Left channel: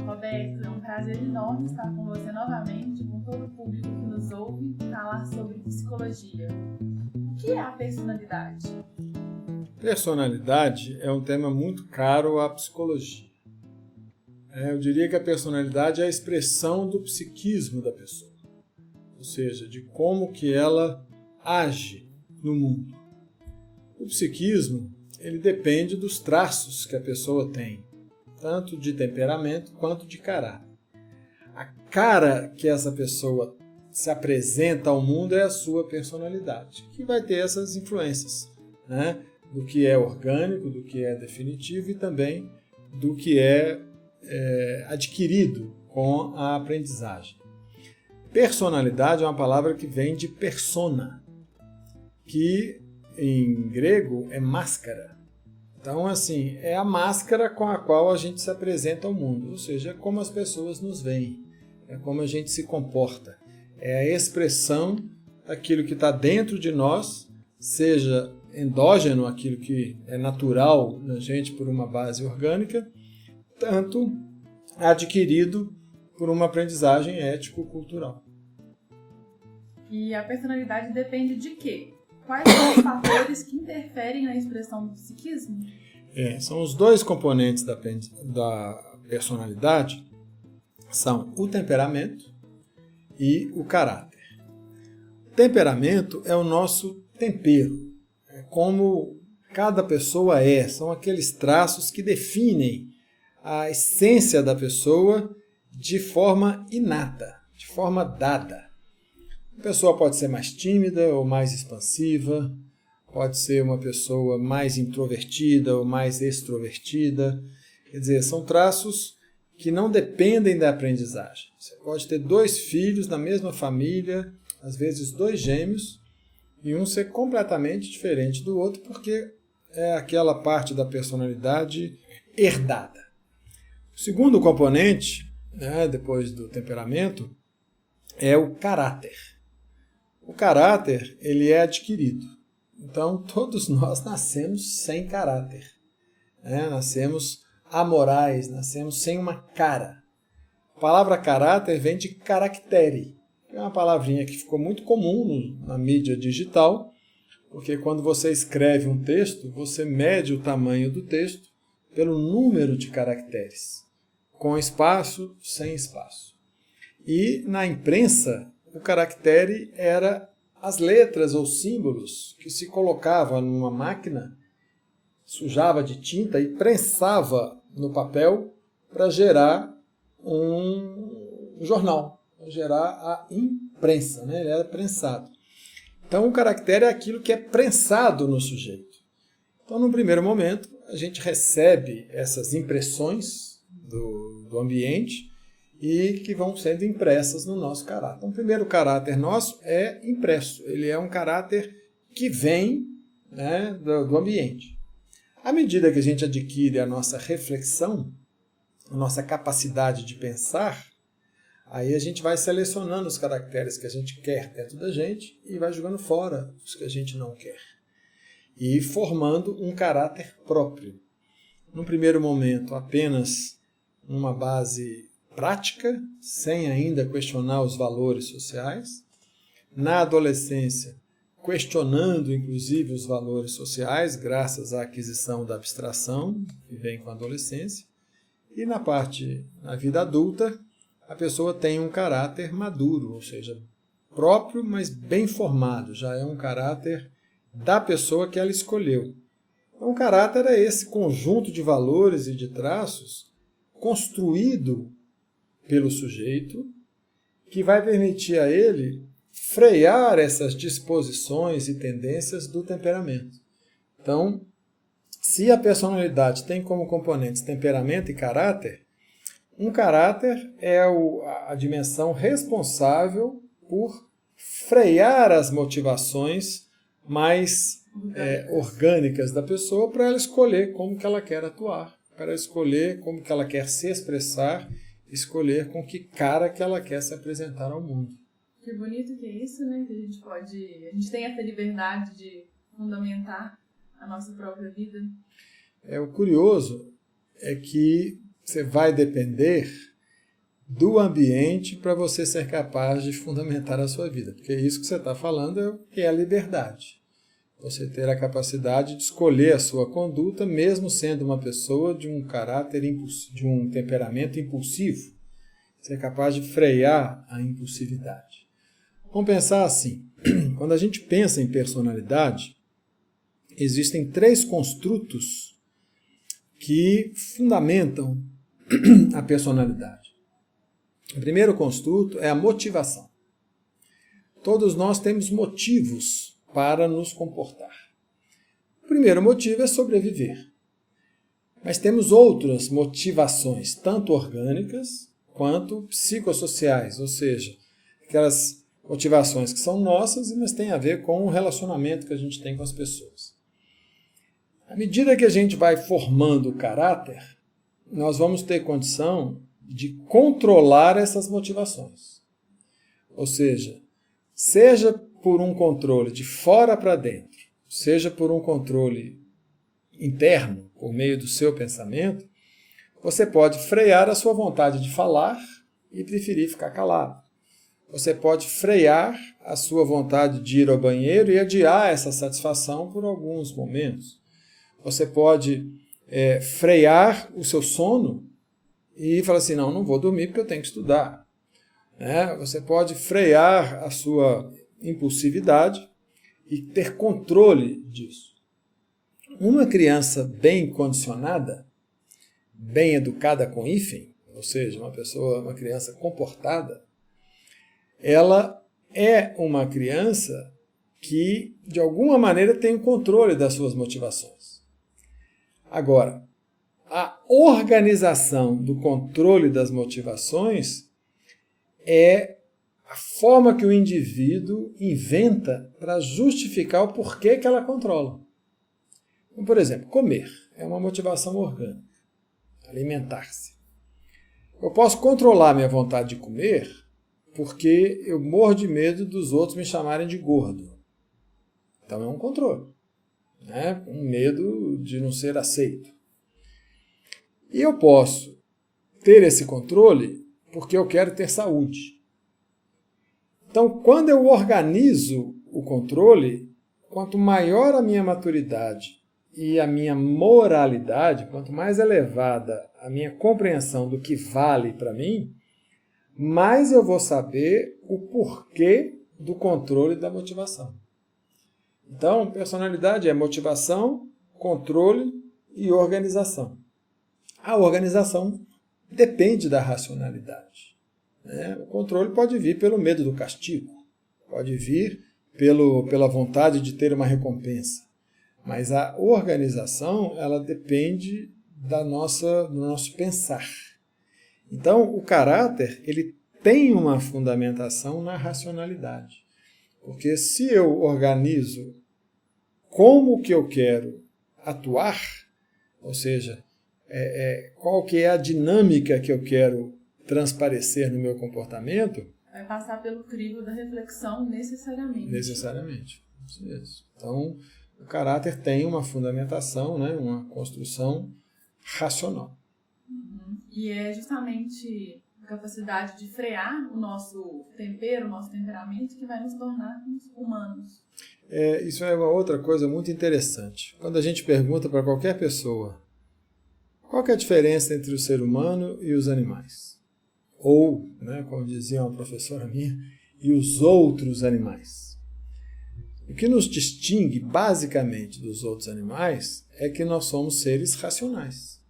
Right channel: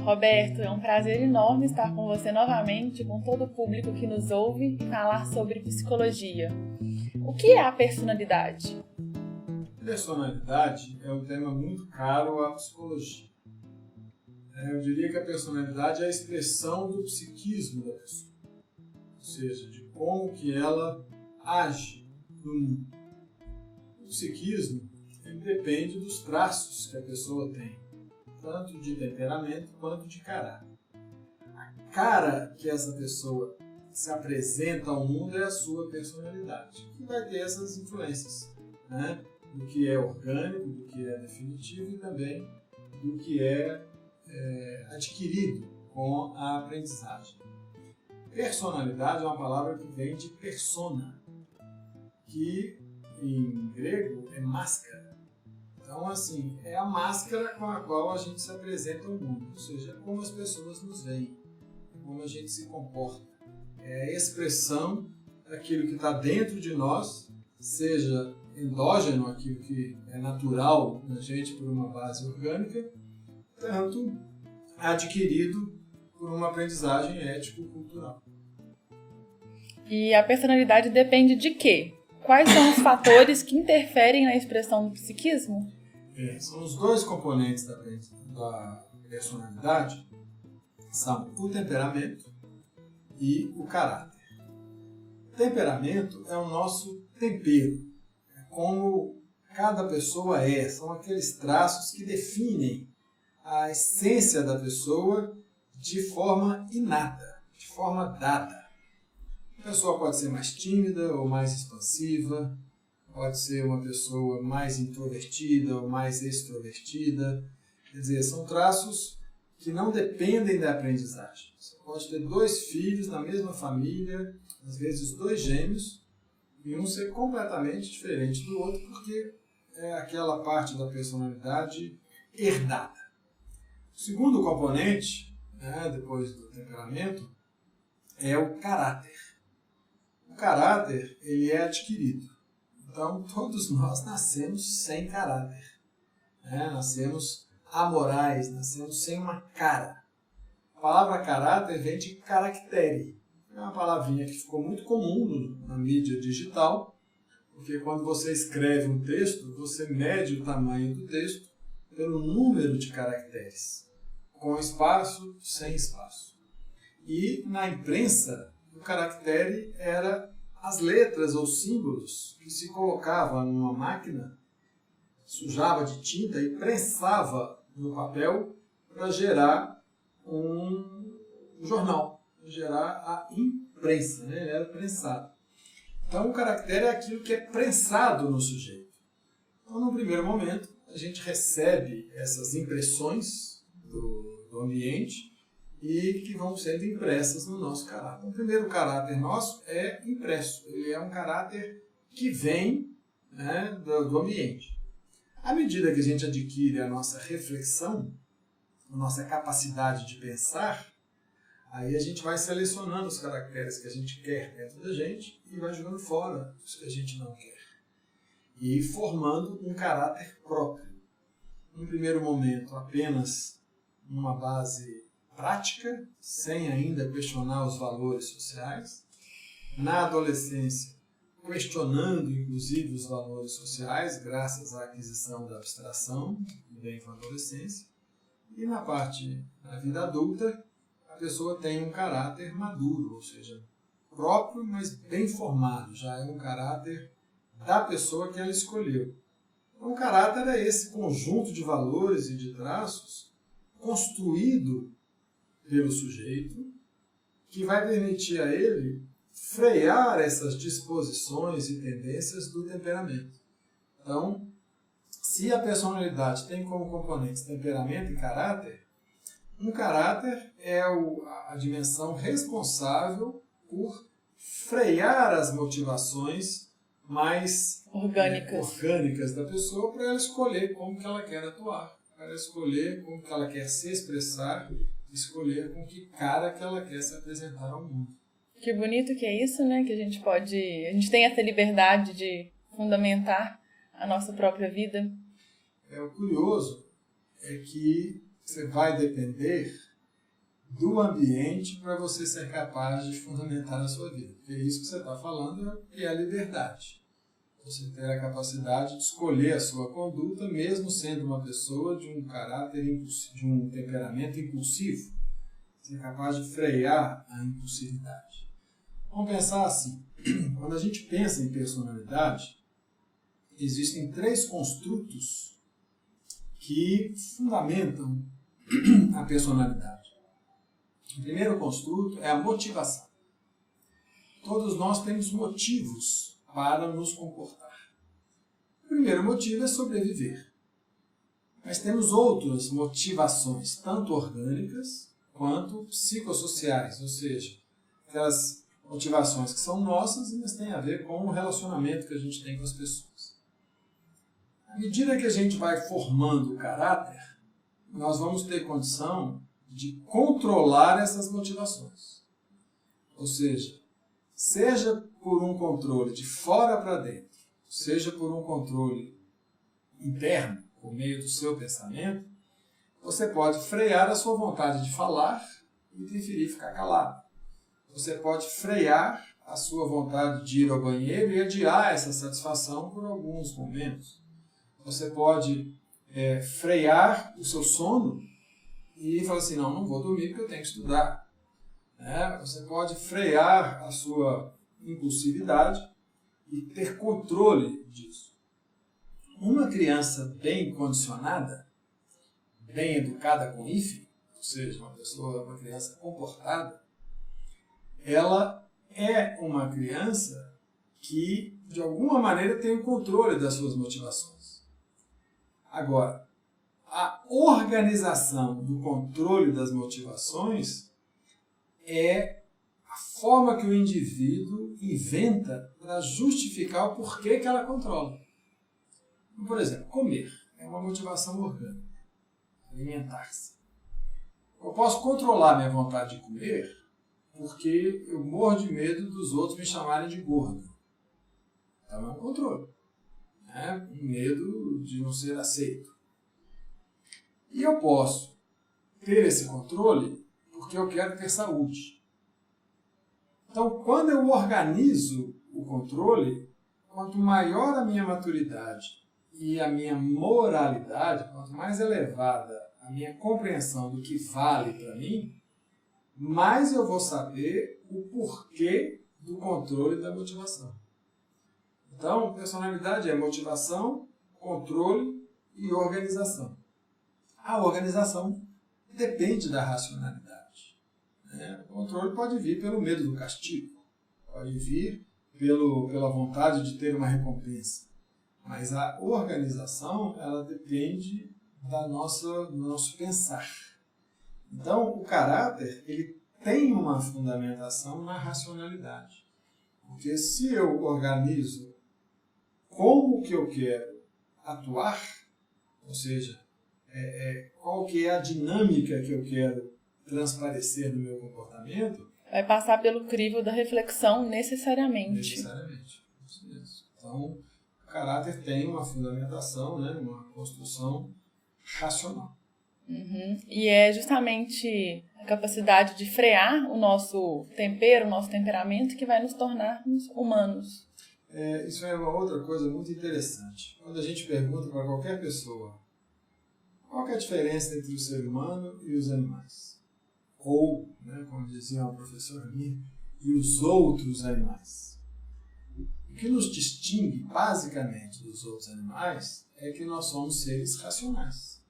Roberto, é um prazer enorme estar com você novamente, com todo o público que nos ouve, e falar sobre psicologia. O que é a personalidade? Personalidade é um tema muito caro à psicologia. Eu diria que a personalidade é a expressão do psiquismo da pessoa, ou seja, de como que ela age no mundo. O psiquismo, ele depende dos traços que a pessoa tem, tanto de temperamento quanto de caráter. A cara que essa pessoa se apresenta ao mundo é a sua personalidade, que vai ter essas influências, né? Do que é orgânico, do que é definitivo e também do que é adquirido com a aprendizagem. Personalidade é uma palavra que vem de persona, que em grego é máscara. Então, assim, é a máscara com a qual a gente se apresenta ao mundo, ou seja, é como as pessoas nos veem, é como a gente se comporta, é a expressão daquilo que está dentro de nós, seja endógeno, aquilo que é natural na gente por uma base orgânica, tanto adquirido por uma aprendizagem ético-cultural. E a personalidade depende de quê? Quais são os fatores que interferem na expressão do psiquismo? São os dois componentes da personalidade, são o temperamento e o caráter. O temperamento é o nosso tempero, é como cada pessoa é, são aqueles traços que definem a essência da pessoa de forma inata, de forma dada. A pessoa pode ser mais tímida ou mais expansiva, pode ser uma pessoa mais introvertida ou mais extrovertida. Quer dizer, são traços que não dependem da aprendizagem. Você pode ter 2 filhos na mesma família, às vezes 2 gêmeos, e um ser completamente diferente do outro, porque é aquela parte da personalidade herdada. O segundo componente, né, depois do temperamento, é o caráter. O caráter, ele é adquirido. Então, todos nós nascemos sem caráter. Nascemos amorais, nascemos sem uma cara. A palavra caráter vem de caractere, que é uma palavrinha que ficou muito comum na mídia digital, porque quando você escreve um texto, você mede o tamanho do texto pelo número de caracteres, com espaço, sem espaço. E na imprensa, o caractere era as letras ou símbolos que se colocava numa máquina, sujava de tinta e prensava no papel para gerar um jornal, para gerar a imprensa, né? Ele era prensado. Então o caractere é aquilo que é prensado no sujeito. Então, no primeiro momento, a gente recebe essas impressões do ambiente e que vão sendo impressas no nosso caráter. Então, o primeiro caráter nosso é impresso. Ele é um caráter que vem, né, do ambiente. À medida que a gente adquire a nossa reflexão, a nossa capacidade de pensar, aí a gente vai selecionando os caracteres que a gente quer dentro da gente e vai jogando fora os que a gente não quer. E formando um caráter próprio. No primeiro momento, apenas numa base prática, sem ainda questionar os valores sociais. Na adolescência, questionando inclusive os valores sociais, graças à aquisição da abstração, que vem com a adolescência. E na vida adulta, a pessoa tem um caráter maduro, ou seja, próprio, mas bem formado. Já é um caráter da pessoa que ela escolheu. Então, o caráter é esse conjunto de valores e de traços construído pelo sujeito, que vai permitir a ele frear essas disposições e tendências do temperamento. Então, se a personalidade tem como componentes temperamento e caráter, um caráter é a dimensão responsável por frear as motivações mais orgânicas da pessoa para ela escolher como que ela quer atuar, para ela escolher como que ela quer se expressar, escolher com que cara que ela quer se apresentar ao mundo. Que bonito que é isso, né? Que a gente tem essa liberdade de fundamentar a nossa própria vida. O curioso é que você vai depender do ambiente para você ser capaz de fundamentar a sua vida. Porque isso que você está falando é o que é a liberdade. Você ter a capacidade de escolher a sua conduta, mesmo sendo uma pessoa de um caráter impulsivo, de um temperamento impulsivo. Ser capaz de frear a impulsividade. Vamos pensar assim, quando a gente pensa em personalidade, existem 3 construtos que fundamentam a personalidade. O primeiro construto é a motivação. Todos nós temos motivos para nos comportar. O primeiro motivo é sobreviver. Mas temos outras motivações, tanto orgânicas quanto psicossociais, ou seja, aquelas motivações que são nossas, mas têm a ver com o relacionamento que a gente tem com as pessoas. À medida que a gente vai formando o caráter, nós vamos ter condição de controlar essas motivações. Ou seja por um controle de fora para dentro, seja por um controle interno, por meio do seu pensamento, você pode frear a sua vontade de falar e preferir ficar calado. Você pode frear a sua vontade de ir ao banheiro e adiar essa satisfação por alguns momentos. Você pode frear o seu sono e falar assim, não vou dormir porque eu tenho que estudar. Você pode frear a sua impulsividade e ter controle disso. Uma criança bem condicionada, bem educada com hífen, ou seja, uma criança comportada, ela é uma criança que, de alguma maneira, tem o controle das suas motivações. Agora, a organização do controle das motivações é a forma que o indivíduo inventa para justificar o porquê que ela controla. Então, por exemplo, comer é uma motivação orgânica, alimentar-se. Eu posso controlar minha vontade de comer porque eu morro de medo dos outros me chamarem de gordo. Então é um controle, um medo de não ser aceito. E eu posso ter esse controle porque eu quero ter saúde. Então, quando eu organizo o controle, quanto maior a minha maturidade e a minha moralidade, quanto mais elevada a minha compreensão do que vale para mim, mais eu vou saber o porquê do controle da motivação. Então, personalidade é motivação, controle e organização. A organização depende da racionalidade. O controle pode vir pelo medo do castigo, pode vir pela vontade de ter uma recompensa. Mas a organização, ela depende do nosso pensar. Então, o caráter, ele tem uma fundamentação na racionalidade. Porque se eu organizo como que eu quero atuar, ou seja, qual que é a dinâmica que eu quero transparecer no meu comportamento... Vai passar pelo crivo da reflexão necessariamente. Necessariamente, isso mesmo. Então, o caráter tem uma fundamentação, uma construção racional. Uhum. E é justamente a capacidade de frear o nosso tempero, o nosso temperamento, que vai nos tornar humanos. Isso é uma outra coisa muito interessante. Quando a gente pergunta para qualquer pessoa qual que é a diferença entre o ser humano e os animais? Ou, como dizia uma professora minha, e os outros animais. O que nos distingue basicamente dos outros animais é que nós somos seres racionais.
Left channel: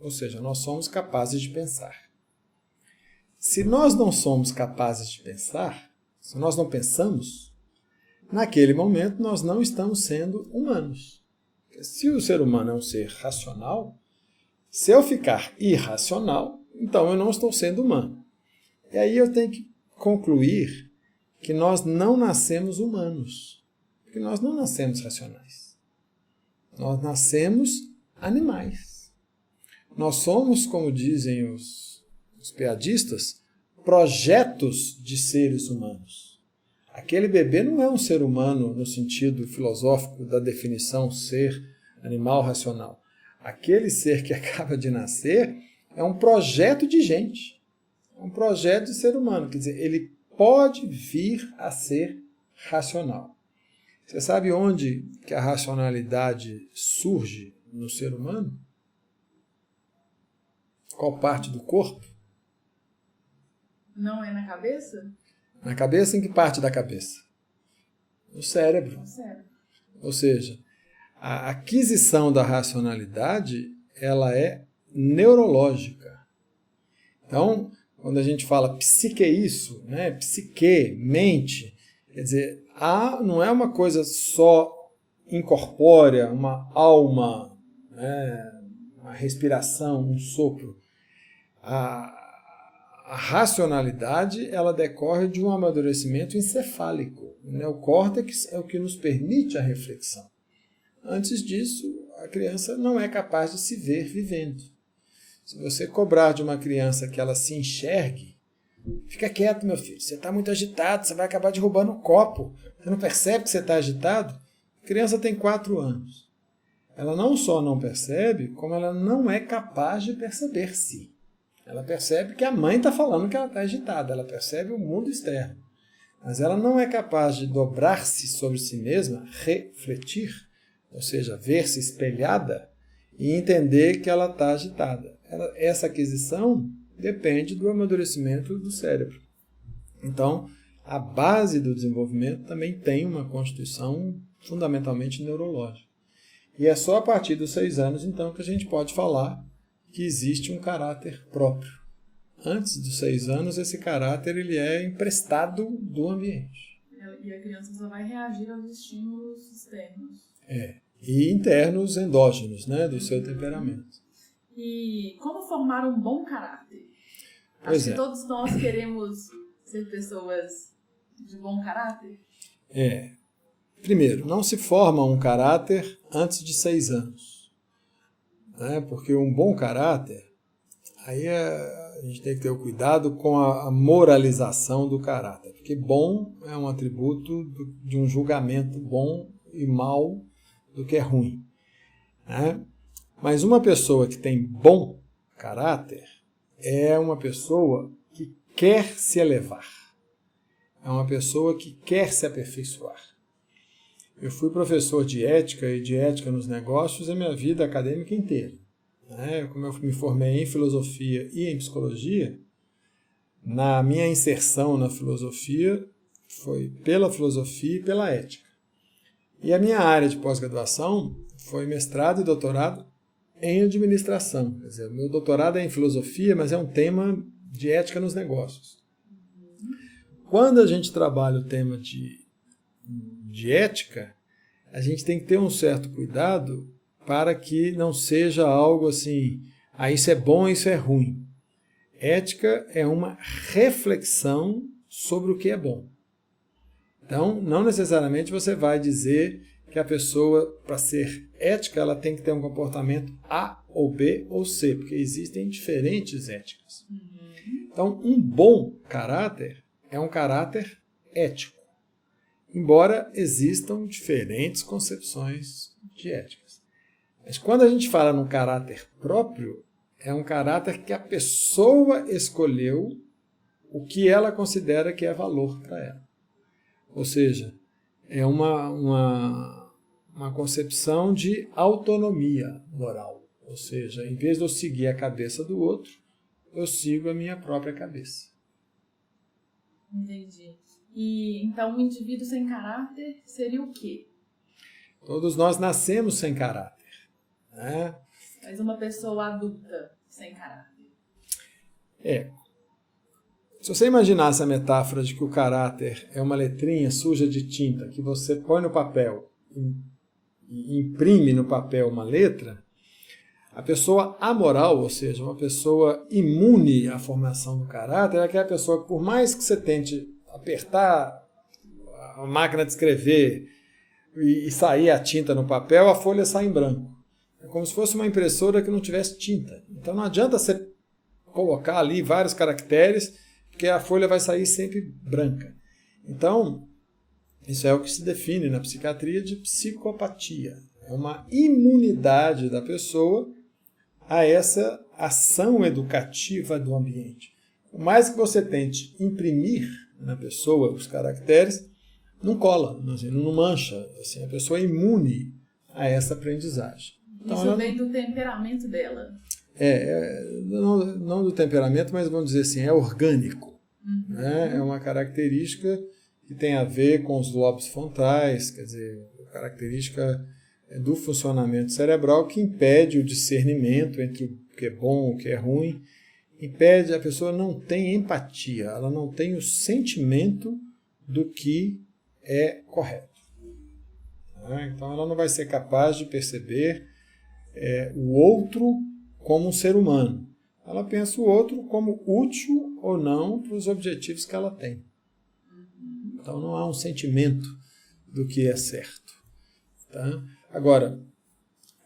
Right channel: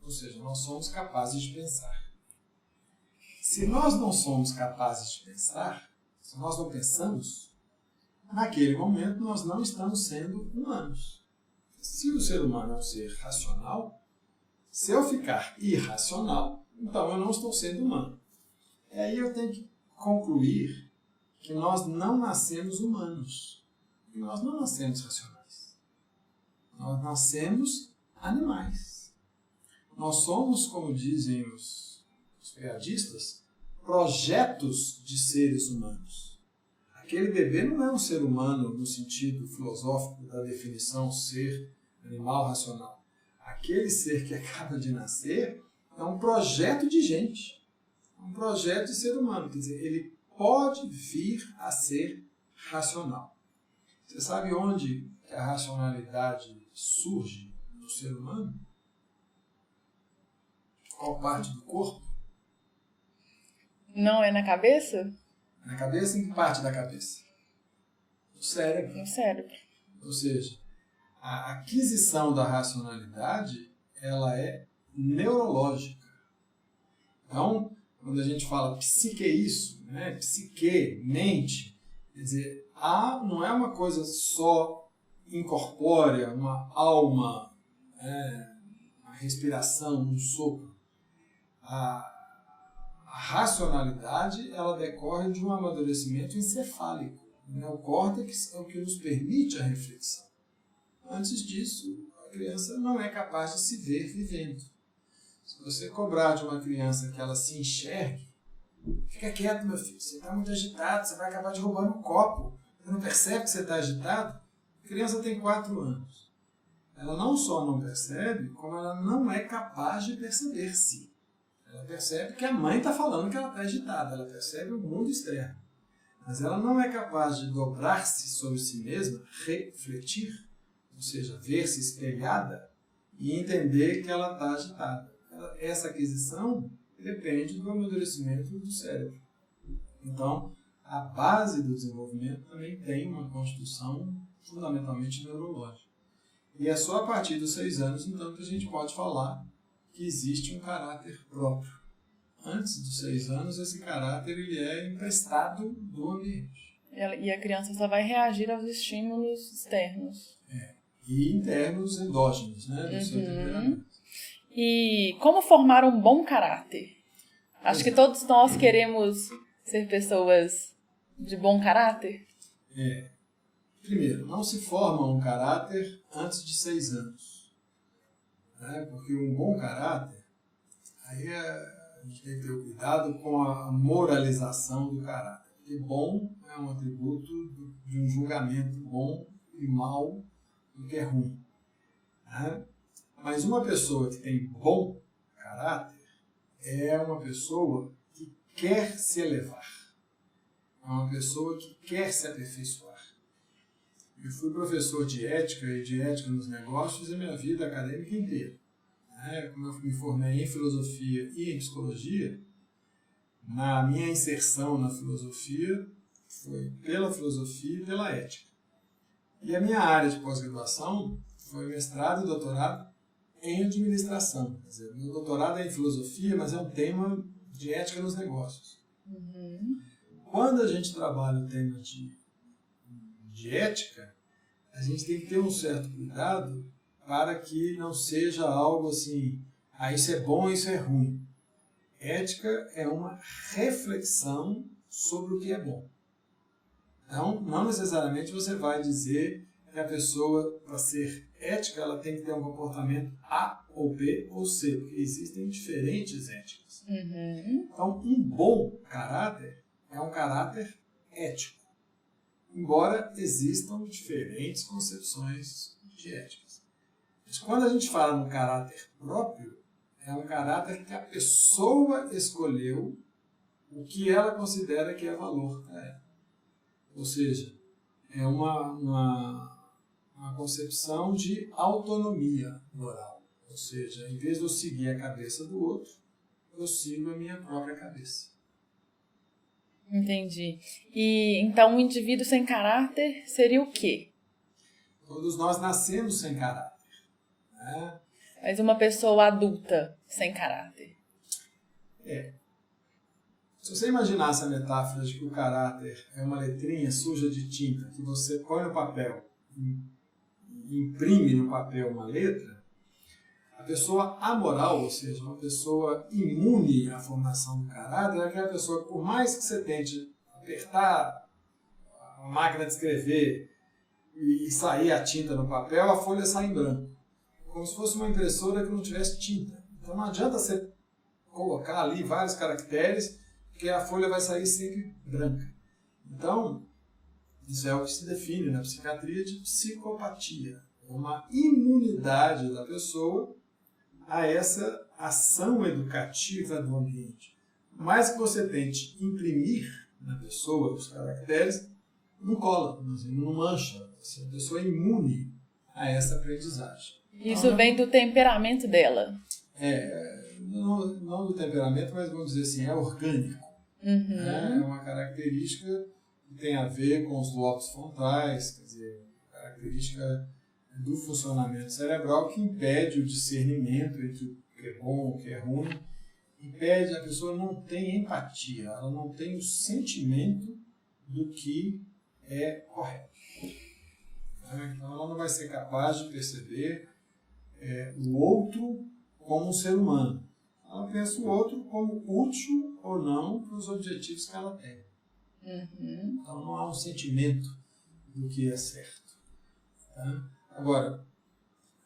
Ou seja, nós somos capazes de pensar. Se nós não somos capazes de pensar, se nós não pensamos, naquele momento nós não estamos sendo humanos. Porque se o ser humano é um ser racional, se eu ficar irracional, então eu não estou sendo humano. E aí eu tenho que concluir que nós não nascemos humanos. Porque nós não nascemos racionais. Nós nascemos animais. Nós somos, como dizem os piadistas, projetos de seres humanos. aquele bebê não é um ser humano no sentido filosófico da definição ser animal racional. Aquele ser que acaba de nascer é um projeto de gente, é um projeto de ser humano. Quer dizer, ele pode vir a ser racional. Você sabe onde que a racionalidade surge no ser humano? Qual parte do corpo? Não é na cabeça? Na cabeça? Em que parte da cabeça? No cérebro. No cérebro. Ou seja, a aquisição da racionalidade, ela é neurológica. Então, quando a gente fala psique é isso, né? Psique, mente, quer dizer, não é uma coisa só incorpórea, uma alma, né? Uma respiração, um sopro. A racionalidade, ela decorre de um amadurecimento encefálico. O neocórtex é o que nos permite a reflexão. Antes disso, a criança não é capaz de se ver vivendo. Se você cobrar de uma criança que ela se enxergue, fica quieto, meu filho, você está muito agitado, você vai acabar derrubando o copo. Você não percebe que você está agitado? A criança tem 4 anos. Ela não só não percebe, como ela não é capaz de perceber-se. Ela percebe que a mãe está falando que ela está agitada, ela percebe o mundo externo. Mas ela não é capaz de dobrar-se sobre si mesma, refletir, ou seja, ver-se espelhada e entender que ela está agitada. Essa aquisição depende do amadurecimento do cérebro. Então, a base do desenvolvimento também tem uma constituição fundamentalmente neurológica. E é só a partir dos 6 anos, então, que a gente pode falar que existe um caráter próprio. Antes dos 6 anos, esse caráter ele é emprestado do ambiente. E a criança só vai reagir aos estímulos externos. E internos endógenos, né, do seu temperamento. E como formar um bom caráter? Acho que todos nós queremos ser pessoas de bom caráter. Primeiro, não se forma um caráter antes de 6 anos. Né? Porque um bom caráter, aí a gente tem que ter o cuidado com a moralização do caráter. Porque bom é um atributo de um julgamento bom e mal do que é ruim. Né? Mas uma pessoa que tem bom caráter é uma pessoa que quer se elevar. É uma pessoa que quer se aperfeiçoar. Eu fui professor de ética e de ética nos negócios a minha vida acadêmica inteira. Como eu me formei em filosofia e em psicologia, na minha inserção na filosofia foi pela filosofia e pela ética. E a minha área de pós-graduação foi mestrado e doutorado em administração. Quer dizer, o meu doutorado é em filosofia, mas é um tema de ética nos negócios. Quando a gente trabalha o tema de ética, a gente tem que ter um certo cuidado para que não seja algo assim, isso é bom, isso é ruim. Ética é uma reflexão sobre o que é bom. Então, não necessariamente você vai dizer que a pessoa, para ser ética, ela tem que ter um comportamento A ou B ou C, porque existem diferentes éticas. Então, um bom caráter é um caráter ético, embora existam diferentes concepções de éticas. Mas quando a gente fala no caráter próprio, é um caráter que a pessoa escolheu o que ela considera que é valor para ela. Ou seja, é uma concepção de autonomia moral. Ou seja, em vez de eu seguir a cabeça do outro, eu sigo a minha própria cabeça. Entendi. E então um indivíduo sem caráter seria o quê? Todos nós nascemos sem caráter. Né? Mas uma pessoa adulta sem caráter. Se você imaginasse a metáfora de que o caráter é uma letrinha suja de tinta que você põe no papel e imprime no papel uma letra, a pessoa amoral, ou seja, uma pessoa imune à formação do caráter, é aquela pessoa que, por mais que você tente apertar a máquina de escrever e sair a tinta no papel, a folha sai em branco. É como se fosse uma impressora que não tivesse tinta. Então não adianta você colocar ali vários caracteres, porque a folha vai sair sempre branca. Então, Isso é o que se define na psiquiatria de psicopatia. É uma imunidade da pessoa a essa ação educativa do ambiente. Por mais que você tente imprimir na pessoa os caracteres, não cola, não mancha. Assim, a pessoa é imune a essa aprendizagem. Isso Então, vem do temperamento dela. Não do temperamento, mas vamos dizer assim, é orgânico. Uhum. Né? É uma característica que tem a ver com os lobos frontais, quer dizer, característica do funcionamento cerebral que impede o discernimento entre o que é bom e o que é ruim, impede, a pessoa não tem empatia, ela não tem o sentimento do que é correto. Então ela não vai ser capaz de perceber o outro como um ser humano. Ela pensa o outro como útil ou não para os objetivos que ela tem. Uhum. Então não há um sentimento do que é certo. Tá? Agora,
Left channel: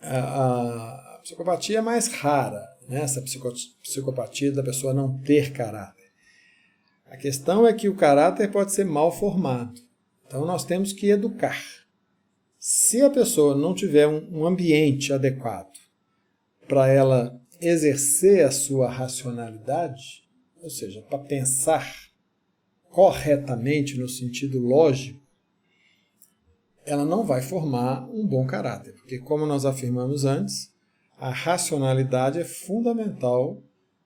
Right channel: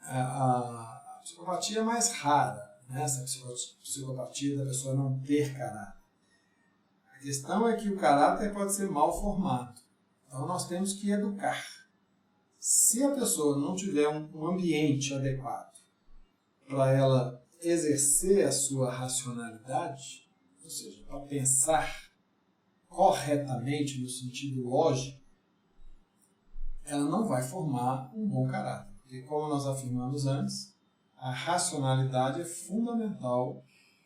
a psicopatia é mais rara, né? Essa psicopatia da pessoa não ter caráter. A questão é que o caráter pode ser mal formado. Então nós temos que educar. Se a pessoa não tiver um ambiente adequado para ela exercer a sua racionalidade, ou seja, para pensar corretamente no sentido lógico, ela não vai formar um bom caráter. Porque, como nós afirmamos antes, a racionalidade é fundamental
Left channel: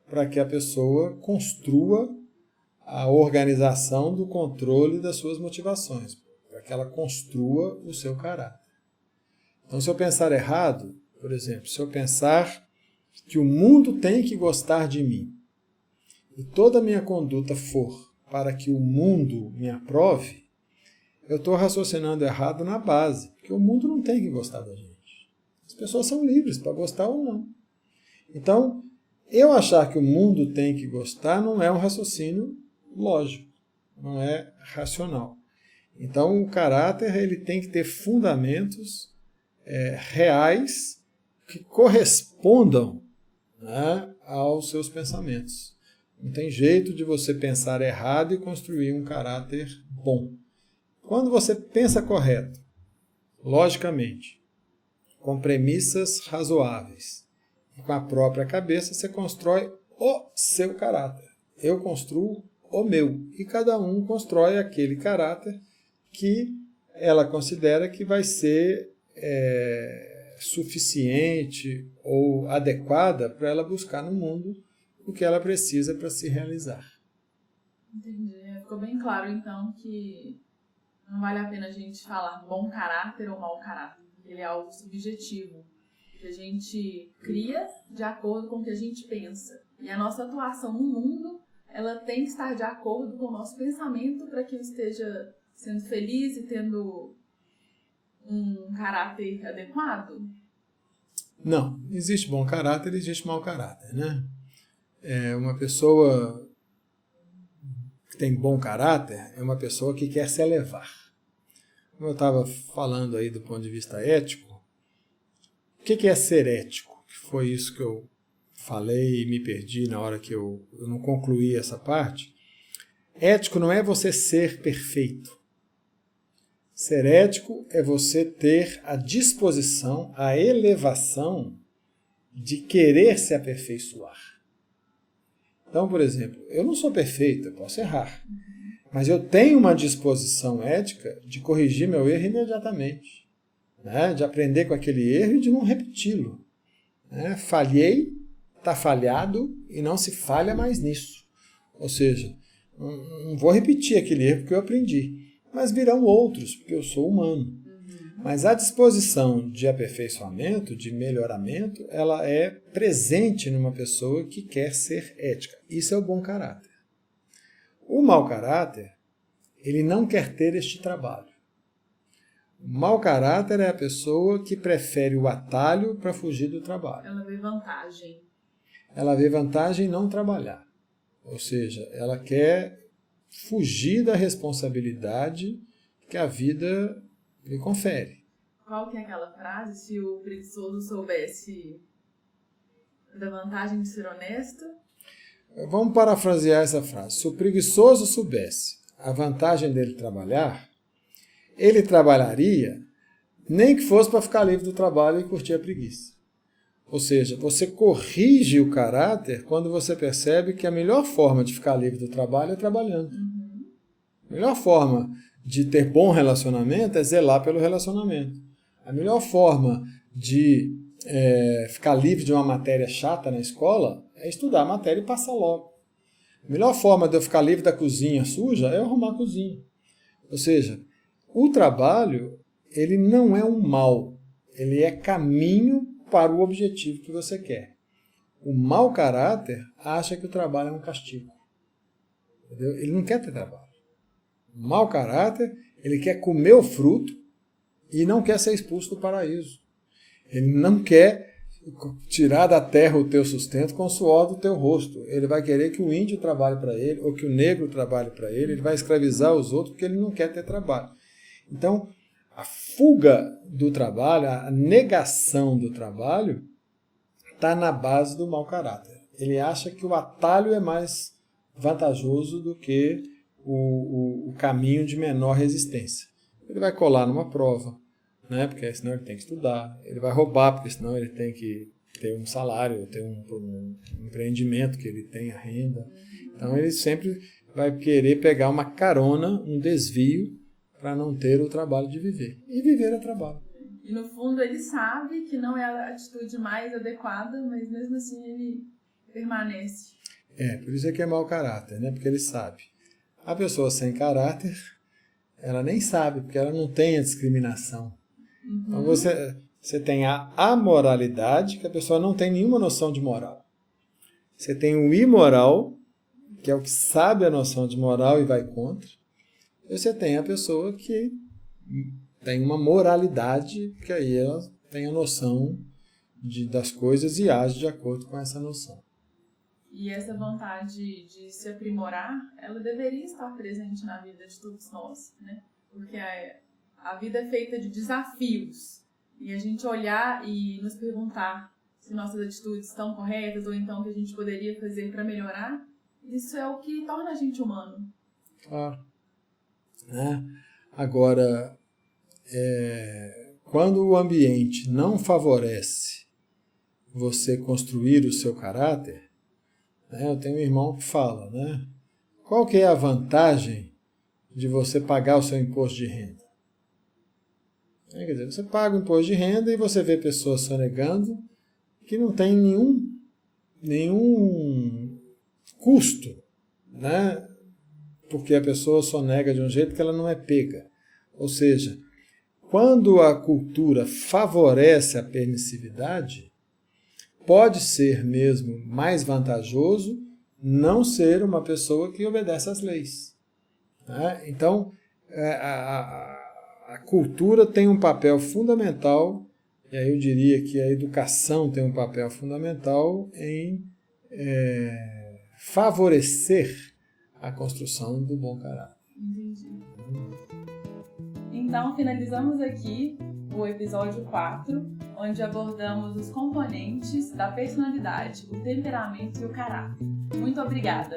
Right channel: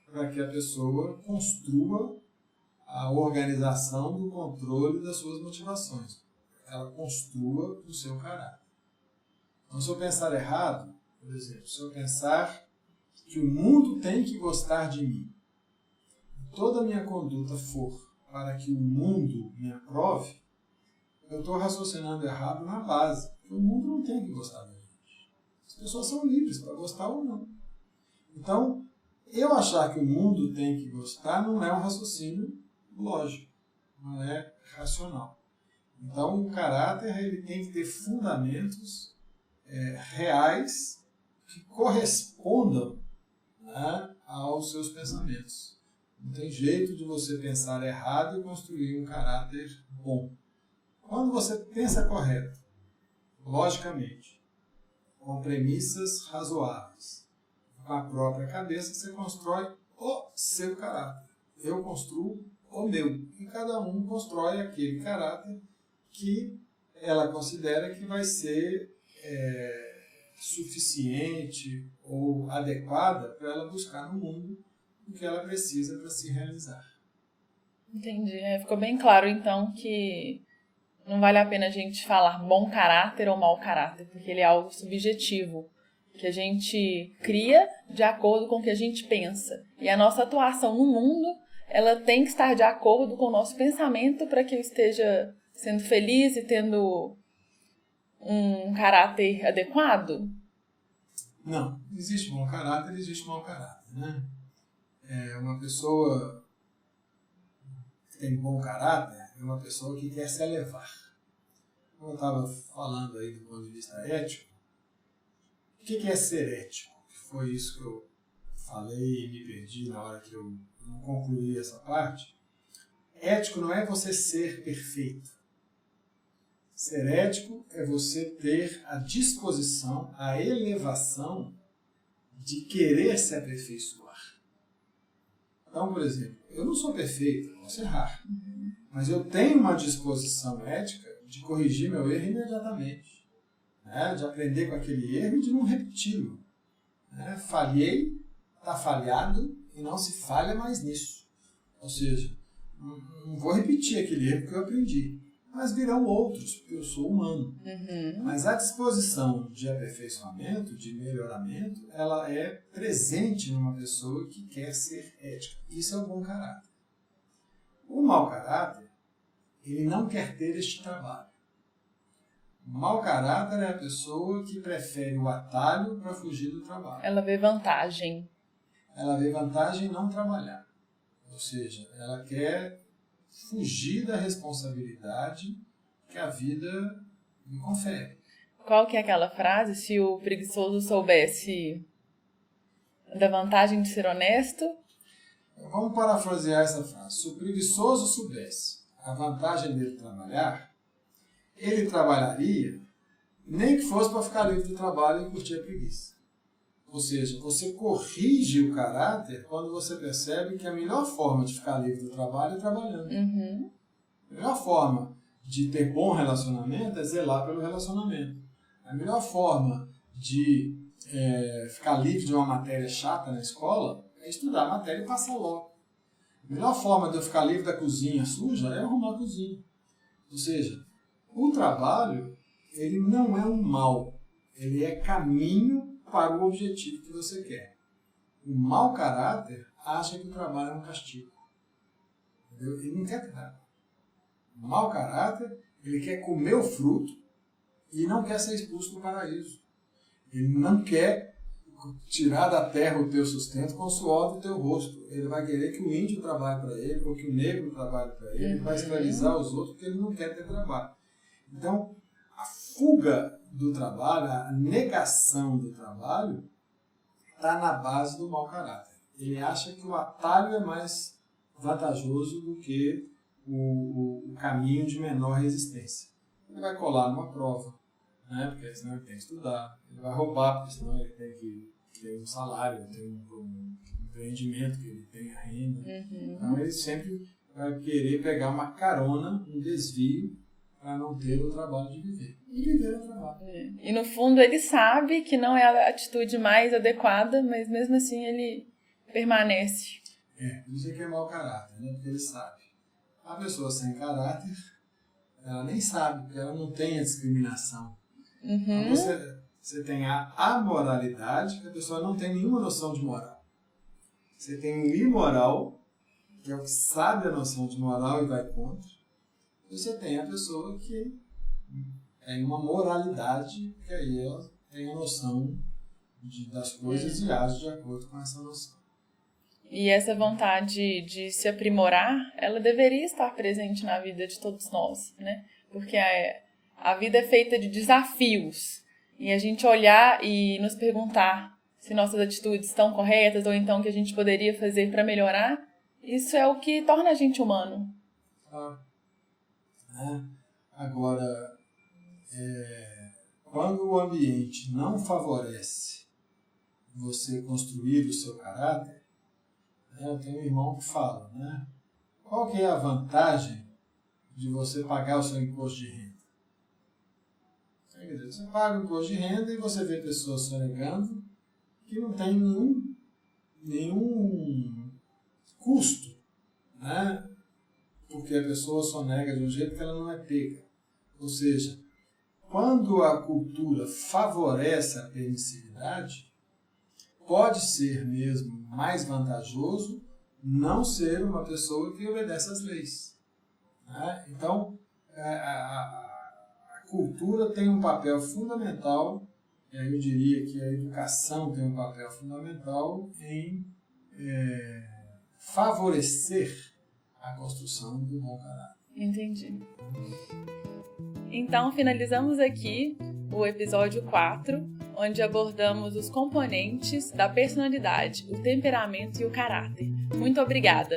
para que a pessoa construa a organização do controle das suas motivações, para que ela construa o seu caráter. Então, se eu pensar errado, por exemplo, se eu pensar que o mundo tem que gostar de mim e toda a minha conduta for para que o mundo me aprove, eu estou raciocinando errado na base, porque o mundo não tem que gostar da gente. As pessoas são livres para gostar ou não. Então, eu achar que o mundo tem que gostar não é um raciocínio lógico, não é racional. Então, o caráter ele tem que ter fundamentos reais que correspondam, né, aos seus pensamentos. Não tem jeito de você pensar errado e construir um caráter bom. Quando você pensa correto, logicamente, com premissas razoáveis, e com a própria cabeça, você constrói o seu caráter. Eu construo o meu. E cada um constrói aquele caráter que ela considera que vai ser suficiente ou adequada para ela buscar no mundo o que ela precisa para se realizar. Entendi. Ficou bem claro, então, que não vale a pena a gente falar bom caráter ou mau caráter, porque ele é algo subjetivo, que a gente cria de acordo com o que a gente pensa. E a nossa atuação no mundo, ela tem que estar de acordo com o nosso pensamento para que eu esteja sendo feliz e tendo um caráter adequado? Não, existe bom caráter e existe mau caráter, né? Uma pessoa que tem bom caráter é uma pessoa que quer se elevar. Como eu estava falando aí do ponto de vista ético, o que é ser ético? Foi isso que eu falei e me perdi na hora que eu não concluí essa parte. Ético não é você ser perfeito. Ser ético é você ter a disposição, a elevação de querer se aperfeiçoar. Então, por exemplo, eu não sou perfeito, eu posso errar. Mas eu tenho uma disposição ética de corrigir meu erro imediatamente. Né? De aprender com aquele erro e de não repeti-lo. Né? Falhei, está falhado e não se falha mais nisso. Ou seja, não vou repetir aquele erro que eu aprendi. Mas virão outros, porque eu sou humano. Uhum. Mas a disposição de aperfeiçoamento, de melhoramento, ela é presente numa pessoa que quer ser ética. Isso é o bom caráter. O mau caráter, ele não quer ter este trabalho. O mau caráter é a pessoa que prefere o atalho para fugir do trabalho. Ela vê vantagem. Ela vê vantagem em não trabalhar. Ou seja, ela quer fugir da responsabilidade que a vida lhe confere. Qual que é aquela frase? Se o preguiçoso soubesse da vantagem de ser honesto... Vamos parafrasear essa frase. Se o preguiçoso soubesse a vantagem dele trabalhar, ele trabalharia nem que fosse para ficar livre do trabalho e curtir a preguiça. Ou seja, você corrige o caráter quando você percebe que a melhor forma de ficar livre do trabalho é trabalhando. A melhor forma de ter bom relacionamento é zelar pelo relacionamento. A melhor forma de ficar livre de uma matéria chata na escola é estudar a matéria e passar logo. A melhor forma de eu ficar livre da cozinha suja é arrumar a cozinha. Ou seja, o trabalho ele não é um mal, ele é caminho para o objetivo que você quer. O mau caráter acha que o trabalho é um castigo. Entendeu? Ele não quer ter trabalho. O mau caráter, ele quer comer o fruto e não quer ser expulso do paraíso. Ele não quer tirar da terra o teu sustento com o suor do teu rosto. Ele vai querer que o índio trabalhe para ele ou que o negro trabalhe para ele. Ele vai escravizar os outros porque ele não quer ter trabalho. Então, a fuga do trabalho, a negação do trabalho, está na base do mau caráter. Ele acha que o atalho é mais vantajoso do que o caminho de menor resistência. Ele vai colar numa prova, né? Porque senão ele tem que estudar. Ele vai roubar, porque senão ele tem que ter um salário, ter um empreendimento que ele tenha renda. Então ele sempre vai querer pegar uma carona, um desvio, para não ter o trabalho de viver. E viver é trabalho. E no fundo ele sabe que não é a atitude mais adequada, mas mesmo assim ele permanece. Por isso é que é mau caráter, né? Porque ele sabe. A pessoa sem caráter, ela nem sabe, porque ela não tem a discriminação. Então você tem a amoralidade, que a pessoa não tem nenhuma noção de moral. Você tem o imoral, que é o que sabe a noção de moral e vai contra. Você tem a pessoa que tem uma moralidade, que aí ela tem a noção das coisas e age de acordo com essa noção. E essa vontade de se aprimorar, ela deveria estar presente na vida de todos nós, né? Porque a vida é feita de desafios. E a gente olhar e nos perguntar se nossas atitudes estão corretas ou então o que a gente poderia fazer para melhorar, isso é o que torna a gente humano. Claro. Né? Agora, quando o ambiente não favorece você construir o seu caráter, né? Eu tenho um irmão que fala, né? Qual que é a vantagem de você pagar o seu imposto de renda? Quer dizer, você paga o imposto de renda e você vê pessoas sonegando que não tem nenhum custo, né? Porque a pessoa sonega de um jeito que ela não é pega. Ou seja, quando a cultura favorece a permissividade, pode ser mesmo mais vantajoso não ser uma pessoa que obedece às leis. Né? Então, a cultura tem um papel fundamental, e aí eu diria que a educação tem um papel fundamental em favorecer a construção do bom caráter. Entendi. Então, finalizamos aqui o episódio 4, onde abordamos os componentes da personalidade, o temperamento e o caráter. Muito obrigada!